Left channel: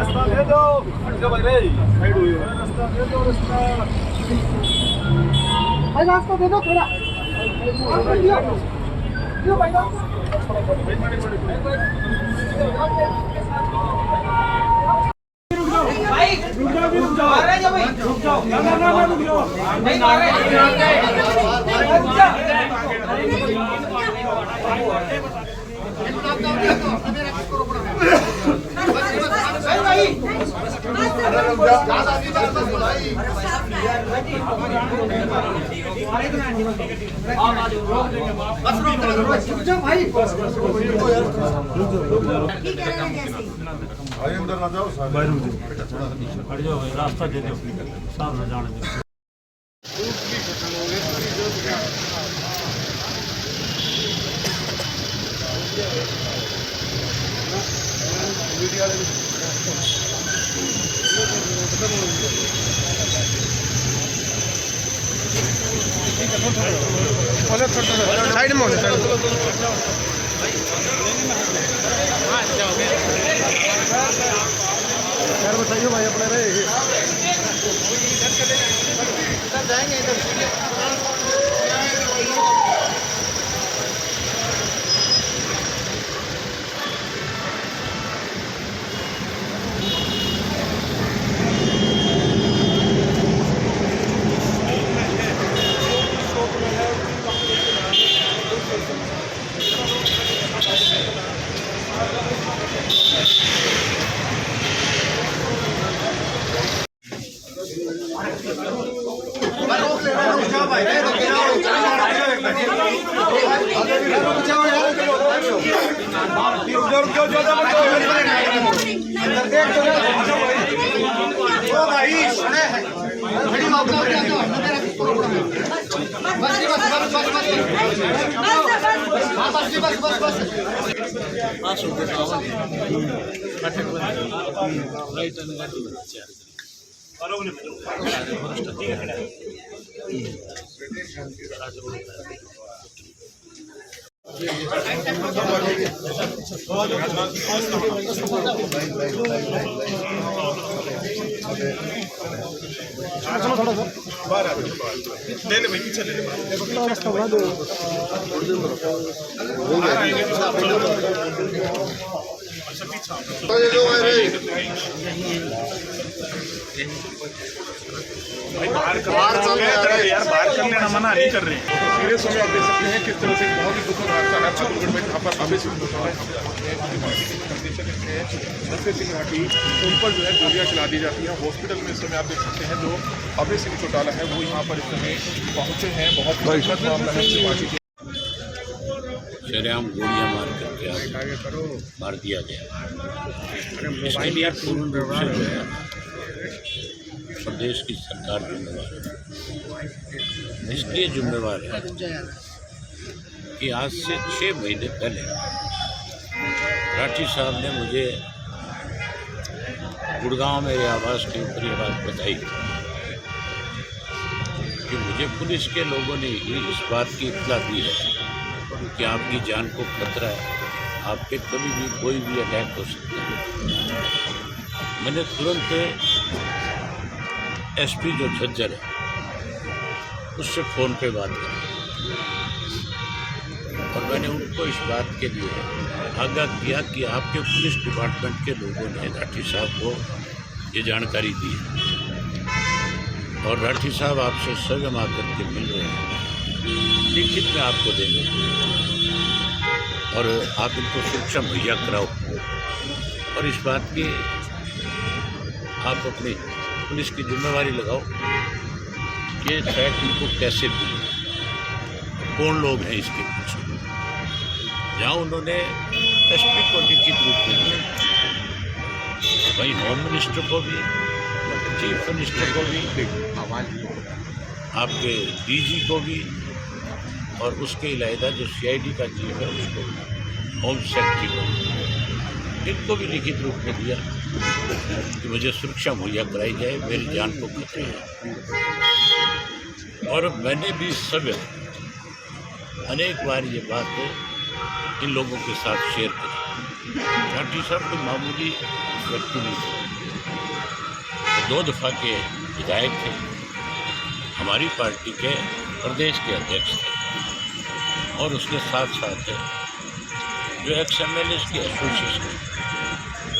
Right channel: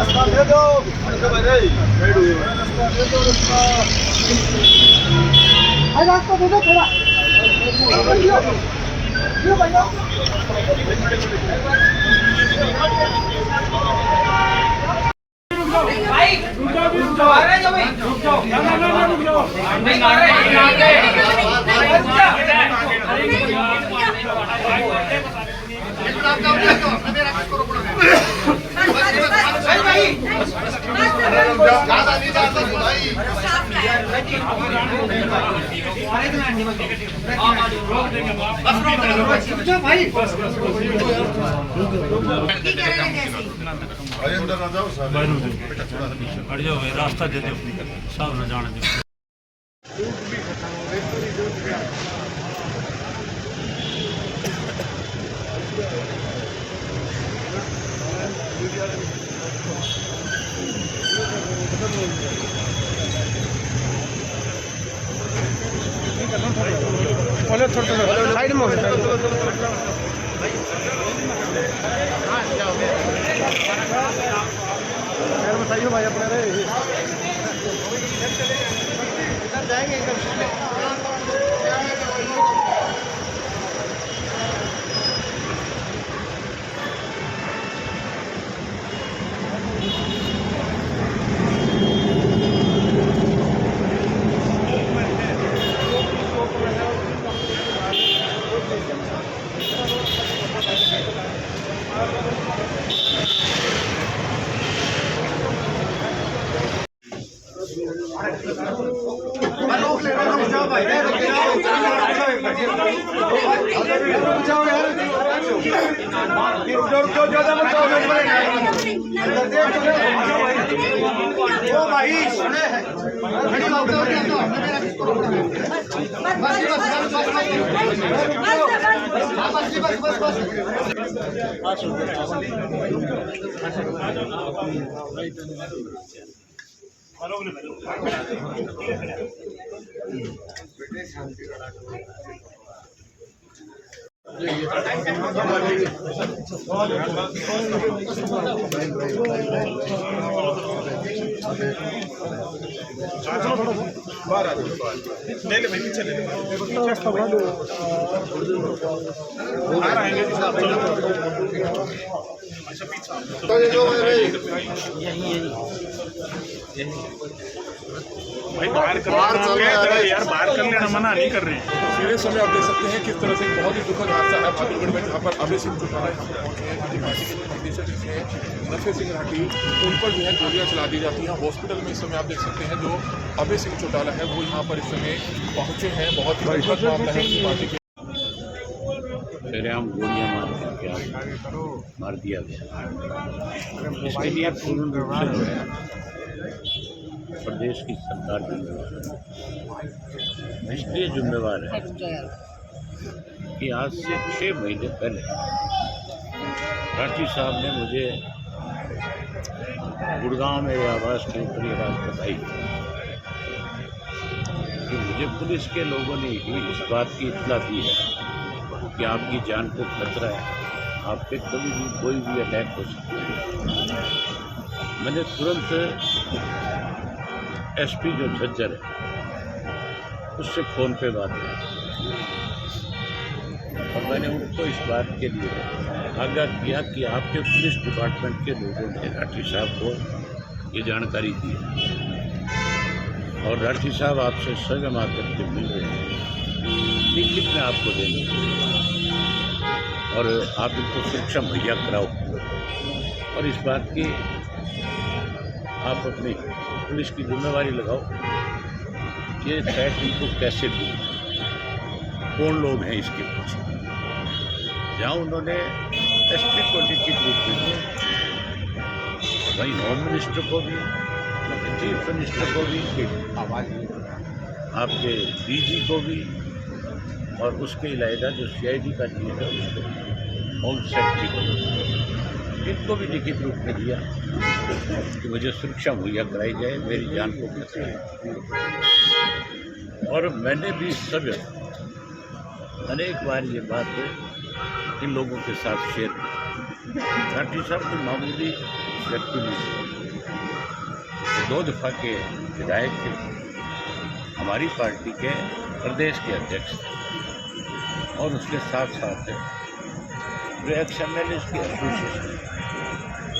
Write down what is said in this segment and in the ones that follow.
रास्ता दे दो भाई रास्ता दे दो रास्ता दे दो थोड़ा भाई हट जाओ भाई रास्ता दे दो साहब न जाने दो साइड में बाहर आ जाओ ले ले भाई पीछे ले ले बाहर आएंगे जी साहब अच्छा पीछे भाई बाहर करवाना चलो यार बाहर कर लेना मना नहीं कर रहे हैं। सीधे समय आप देख सकते हैं किस तरह से बहुत ही दुखद हादसा है बहादुरगढ़ में जहाँ पर अभय सिंह चौटाला यहाँ पर पहुँचे हैं क्योंकि पार्टी के निदेशक हैं नफे सिंह राठी उन पर जो है गोलियाँ चला दी जाती हैं। हॉस्पिटल में इस समय आप देख सकते हैं जो अभय सिंह चौटाला है वो यहाँ पर इस समय पहुँचे हैं। बहुत ही दुखद मामला है पार्टी के सरेआम गोलियां मार करके मार दिया गया। इसके लिए पूर्ण रूप से जो है प्रदेश की सरकार जिम्मेवार है। इसलिए जिम्मेवार है कि आज से 6 महीने पहले राठी साहब ने मुझे गुड़गांव मेरे आवास के ऊपर ये बात बताई कि मुझे पुलिस के लोगों ने ही इस बात की इत्तला दी है कि आपकी जान को खतरा है, आप पे कभी भी कोई भी अटैक हो सकता है। मैंने तुरंत एसपी जो झज्जर है उससे फ़ोन पे बात की और मैंने उनको इस बात के लिए आगाह किया कि आपके पुलिस डिपार्टमेंट के लोगों ने राठी साहब को ये जानकारी दी है और राठी साहब आपसे स्वयं आकर के मिल रहे हैं, लिखित में आपको देंगे और आप इनको सुरक्षा मुहैया कराओ और इस बात की आप अपनी पुलिस की जिम्मेवारी लगाओ कि फैक्ट इनको कैसे मिले, कौन लोग हैं इसके पीछे। जहाँ उन्होंने एसपी को लिखित रूप में दिया, वहीं होम मिनिस्टर को भी, चीफ मिनिस्टर को भी, आपके डीजी को भी और उसके इलावा जो सीआईडी का चीफ है उसको, होम सेक्रेटरी को, इनको भी लिखित रूप में दिया कि मुझे सुरक्षा मुहैया कराई जाए, मेरी जान को खतरा है। और मैंने भी स्वयं अनेक बार ये बात इन लोगों के साथ शेयर करी। राठी साहब कोई मामूली व्यक्ति नहीं थे, 2 दफ़ा के विधायक थे, हमारी पार्टी के प्रदेश के अध्यक्ष थे और उसके साथ साथ जो एक्स एमएलए की एसोसिएशन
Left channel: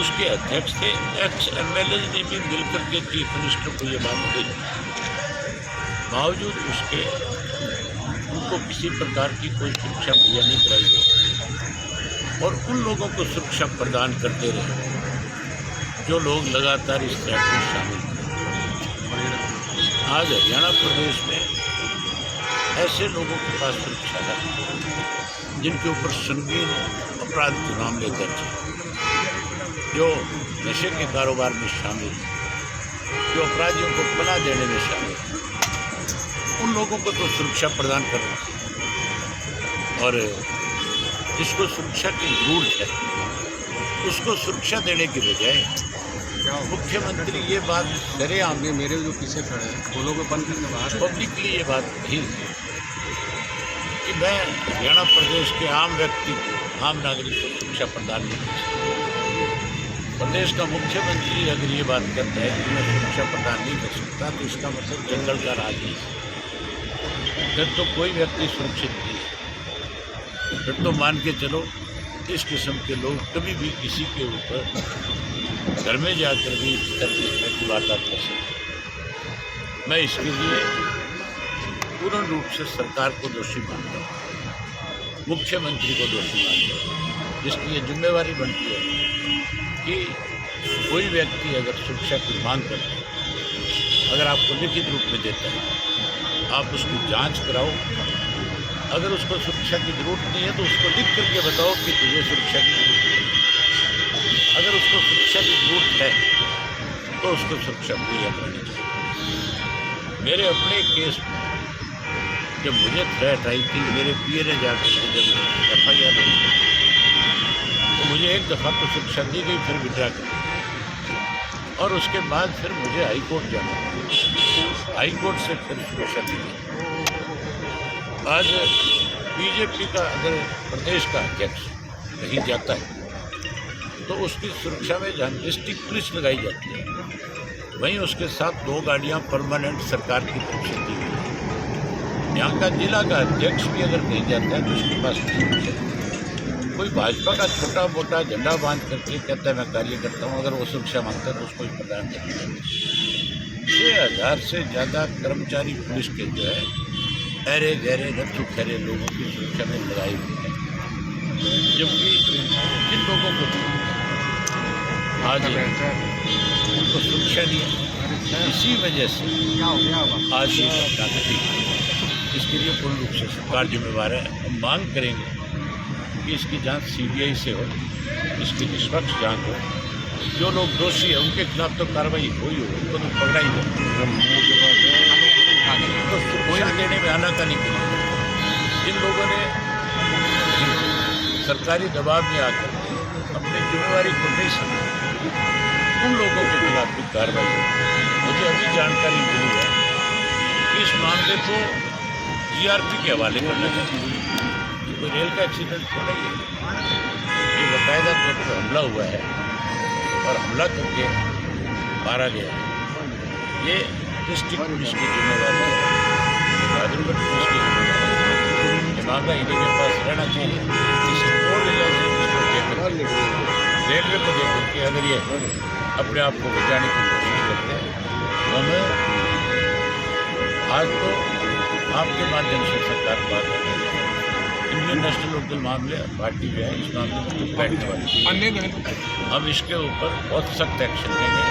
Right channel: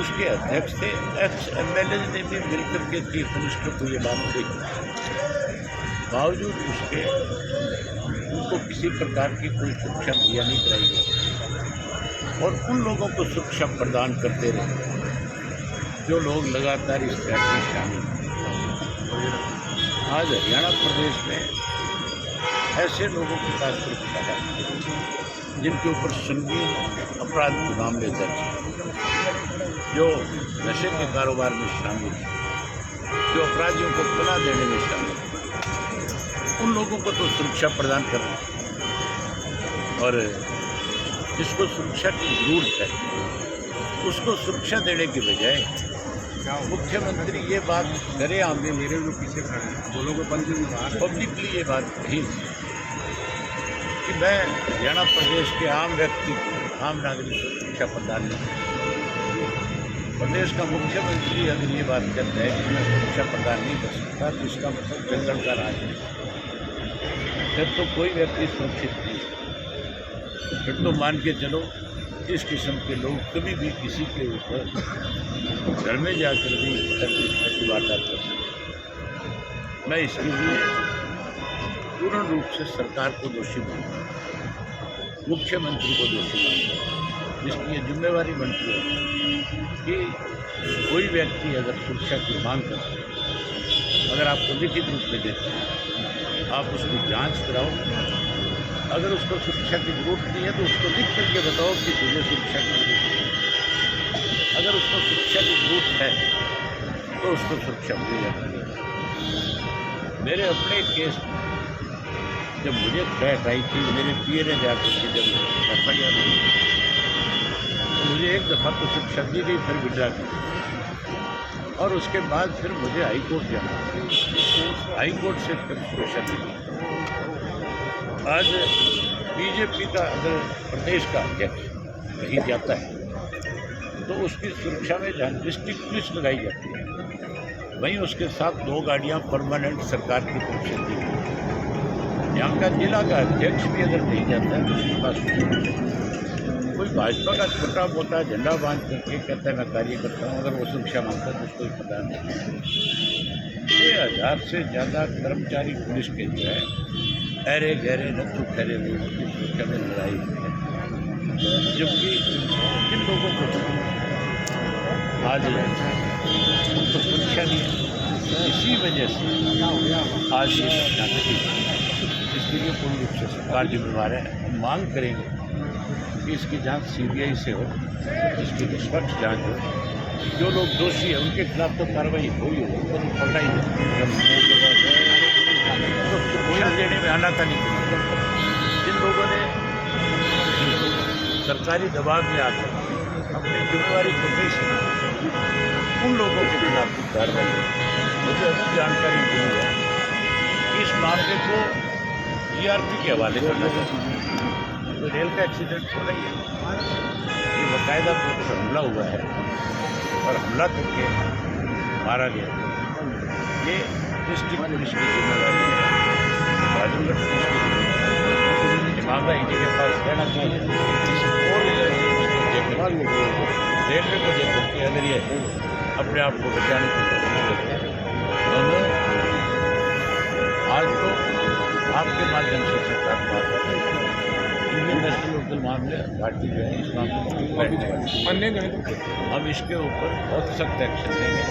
उसके अध्यक्ष थे। एक्स एमएलए ने भी मिलकर के चीफ मिनिस्टर को ये बात कही, बावजूद उसके उनको किसी प्रकार की कोई सुरक्षा मुहैया नहीं कराई गई और उन लोगों को सुरक्षा प्रदान करते रहे जो लोग लगातार इस थ्रेट में शामिल थे। आज हरियाणा प्रदेश में ऐसे लोगों के पास सुरक्षा है जिनके ऊपर संगीन अपराध के मामले दर्ज हैं, जो नशे के कारोबार में शामिल हैं, जो अपराधियों को पनाह देने में शामिल हैं। उन लोगों को तो सुरक्षा प्रदान कर रहे हैं और जिसको सुरक्षा की जरूरत है उसको सुरक्षा देने के बजाय मुख्यमंत्री ये बात सरेआम मेरे जो पीछे खड़े हैं बोलो को बंद करने पब्लिकली ये बात कही कि मैं हरियाणा प्रदेश के आम व्यक्ति को, आम नागरिक को शिक्षा प्रदान नहीं कर सकता। प्रदेश का मुख्यमंत्री अगर ये बात कहता है कि मैं शिक्षा प्रदान नहीं कर सकता तो इसका मतलब जंगल का राज है, फिर तो कोई व्यक्ति सुरक्षित नहीं है। फिर तो मान के चलो इस किस्म के लोग कभी भी किसी के ऊपर घर में जाकर भी इस तरह की वारदात कर सकते। मैं इसके लिए पूर्ण रूप से सरकार को दोषी मानता हूँ, मुख्यमंत्री को दोषी मानता हूँ, जिसकी ये जिम्मेवारी बनती है कि कोई व्यक्ति अगर सुरक्षा की मांग करता है, अगर आपको लिखित रूप में देता है, आप उसकी जांच कराओ। अगर उसको सुरक्षा की जरूरत नहीं है तो उसको लिख करके बताओ कि तुझे सुरक्षा की जरूरत है। अगर उसको सुरक्षा की जरूरत है तो उसको सुरक्षा मुहैया करनी चाहिए। मेरे अपने केस में जब मुझे थ्रेट आई थी, मेरे पीए ने जाकर के जब FIR हुई तो मुझे एक दफ़ा तो शिक्षा दी गई, फिर विड्रा कर दी और उसके बाद फिर मुझे हाई कोर्ट जाना, हाई कोर्ट से फिर सुरक्षा दी गई। आज बीजेपी का अगर प्रदेश का अध्यक्ष कहीं जाता है तो उसकी सुरक्षा में जहाँ डिस्ट्रिक्ट पुलिस लगाई जाती है, वहीं उसके साथ 2 गाड़ियाँ परमानेंट सरकार की तरफ से दी हुई है। यहाँ का जिला का अध्यक्ष भी अगर कहीं जाता है तो उसके पास सुरक्षा। कोई भाजपा का छोटा मोटा झंडा बांध करके कहता है मैं कार्य करता हूँ, अगर वो सुरक्षा मांगता है तो उसको ही प्रदान करता है। 6000 से ज़्यादा कर्मचारी पुलिस के जो है अरे गहरे नथु खैरे लोगों की सुरक्षा में लगाई हुई है, जबकि जिन लोगों को आज उनको सुरक्षा नहीं है, इसी वजह से आज ये घटना घटी। इसके लिए पूर्ण रूप से सरकार जिम्मेवार है। हम मांग करेंगे कि इसकी जांच CBI से हो, इसकी निष्पक्ष जांच हो, जो लोग दोषी हैं उनके खिलाफ तो कार्रवाई हो ही हो, उनको तो पकड़ा ही हो। तो सुरक्षा देने में आनाकानी करी जिन लोगों ने सरकारी दबाव में आकर अपनी जिम्मेवारी को नहीं समझा, उन लोगों के खिलाफ भी कार्रवाई हो। मुझे अभी जानकारी मिली है कि इस मामले को GRP के हवाले करना चाहिए। कोई रेल का एक्सीडेंट थोड़ा ही है, ये बाकायदा तौर पर हमला हुआ है और हमला करके मारा गया है। ये डिस्ट्रिक्ट पुलिस की जिम्मेवारी है, बहादुरगढ़ पुलिस की जिम्मेवारी है। ये मामला इन्हीं के पास रहना चाहिए। किसी और इसको देख कर रेलवे को देख करके अगर ये अपने आप को बचाने की कोशिश करते हैं तो हमें आज तो आपके माध्यम से सरकार को बात करते हैं। इंडियन नेशनल लोकदल मामले पार्टी जो है इस मामले में चुप बैठने वाली है। हम इसके ऊपर बहुत सख्त एक्शन लेंगे,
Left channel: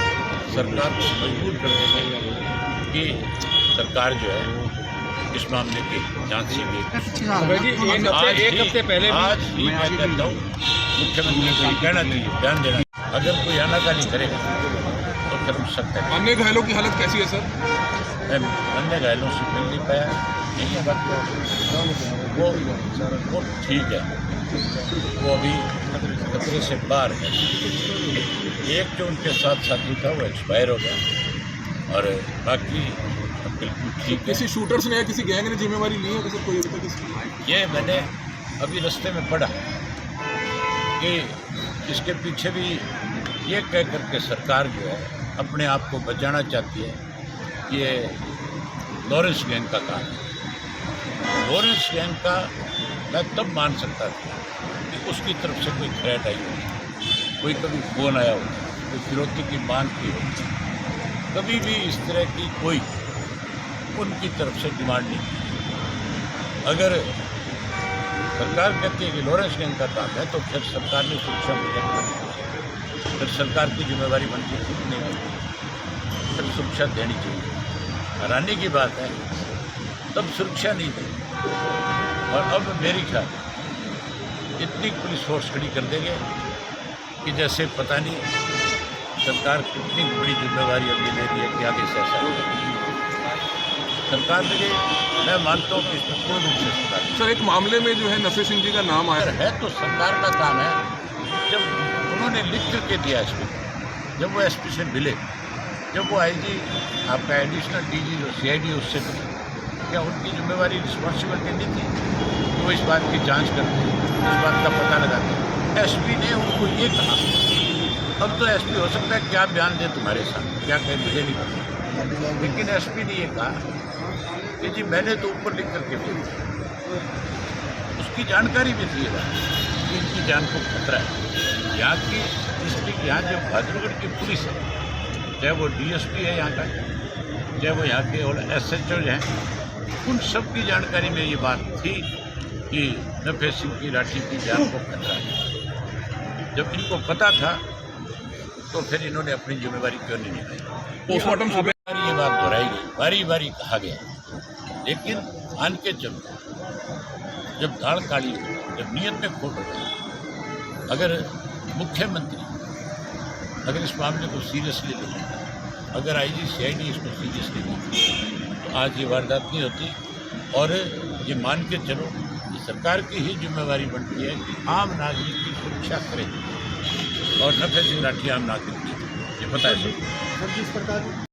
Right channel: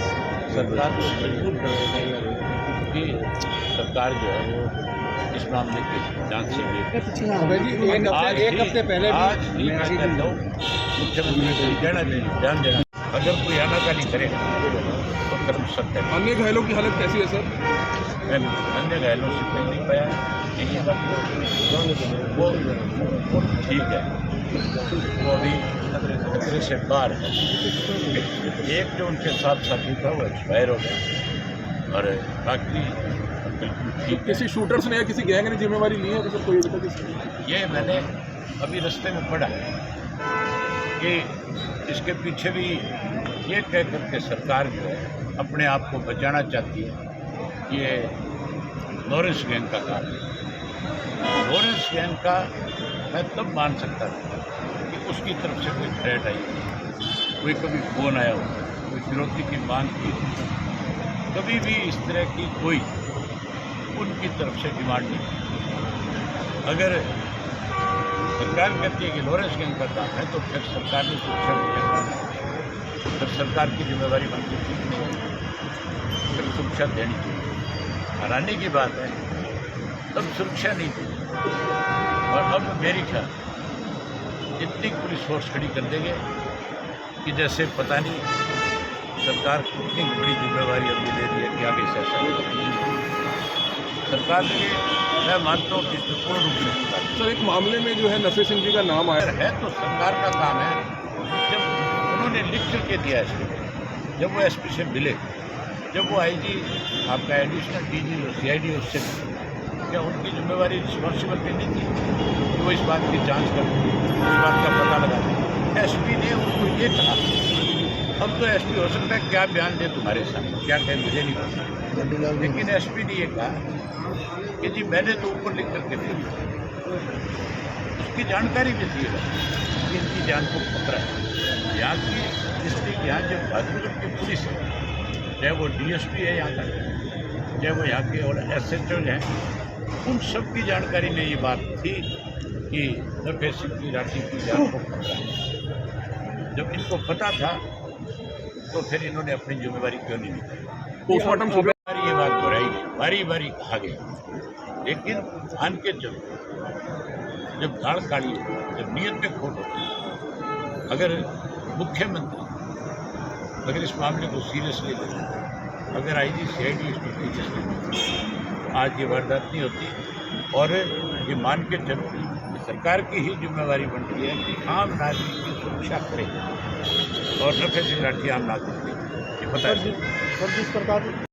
सरकार को मजबूर कर देंगे कि सरकार जो है इस मामले की जांच से आज ही मैं कहता हूँ मुख्यमंत्री को ये कहना चाहिए, ध्यान देना। अगर कोई आनाकानी करेगा तो फिर हम सख्त है। अन्य घायलों की हालत कैसी है सर? मैं अन्य घायलों से मिल नहीं पाया, लेकिन बात वो ठीक है, वो अभी खतरे से बाहर है। एक जो उनके साथ साथी था वो एक्सपायर हो गया और बाकी बिल्कुल ठीक है। किसी शूटर्स ने या किसी गैंग ने जिम्मेवारी ली है कोई अभी तक? ये मैंने अभी रास्ते में पढ़ा कि इसके पीछे भी ये कह करके सरकार जो है अपने आप को बचाना चाहती है। ये लॉरेंस गैंग का काम है। लॉरेंस गैंग का मैं तब मान सकता था कि उसकी तरफ से कोई थ्रेट आई होती, कोई कभी फ़ोन आया होता, कोई फिरौती की मांग की होती। कभी भी इस तरह की कोई उनकी तरफ से डिमांड नहीं की। अगर सरकार कहती है कि लॉरेंस गैंग का काम है तो फिर सरकार ने सुरक्षा मुहैया करनी चाहिए। फिर सरकार की जिम्मेदारी बनती है कि नहीं, फिर सुरक्षा देनी चाहिए। हैरानी की बात है तब सुरक्षा नहीं दी और अब मेरी ख्याल इतनी पुलिस फोर्स खड़ी कर देंगे कि जैसे पता नहीं सरकार कितनी बड़ी जिम्मेवारी अभी ले रही है कि आगे से ऐसा नहीं। सरकार के मैं मानता हूँ कि इसमें पूर्ण रूप से सरकार सर, एक मामले में जो है नफे सिंह जी का नाम आया है तो सरकार का काम है। जब उन्होंने लिख करके दिया एसपी को, जब वो एसपी से मिले, जब वो आईजी आपका एडिशनल डीजी और सीआईडी उससे मिले, क्या उनकी जिम्मेवारी रिस्पॉन्सिबिलिटी नहीं थी कि वो इस बात की जांच करते, इस बात का पता लगाते? एसपी ने उनको ये कहा। अब तो एसपी हो सकता है क्या बयान दे तुम्हारे सामने, क्या कहे मुझे नहीं पता, लेकिन एसपी ने ये कहा कि जी मैंने तो ऊपर लिख करके भेजा। उसकी जानकारी भी थी कि इनकी जान को खतरा है। यहाँ की डिस्ट्रिक्ट, यहाँ जो बहादुरगढ़ की पुलिस है, चाहे वो डीएसपी है यहाँ का, चाहे वो यहाँ के और एसएचओ हैं, उन सब की जानकारी में ये बात थी कि नफे सिंह की राठी की जान को खतरा है। जब इनको पता था तो फिर इन्होंने अपनी जिम्मेवारी क्यों नहीं निभाई? पोस्टमार्टम ये बात दोहराई गई, बारी बारी कहा गया, लेकिन मान के चलो जब दाढ़ काली हो, जब नीयत में खोट हो, अगर मुख्यमंत्री अगर इस मामले को सीरियसली लेता, अगर आईजी सीआईडी इसको सीरियसली लेती तो आज ये वारदात नहीं होती। और ये मान के चलो ये सरकार की ही जिम्मेवारी बनती है कि आम नागरिक की सुरक्षा करे और नफे सिंह राठी आम नागरिक नहीं, ये पता है।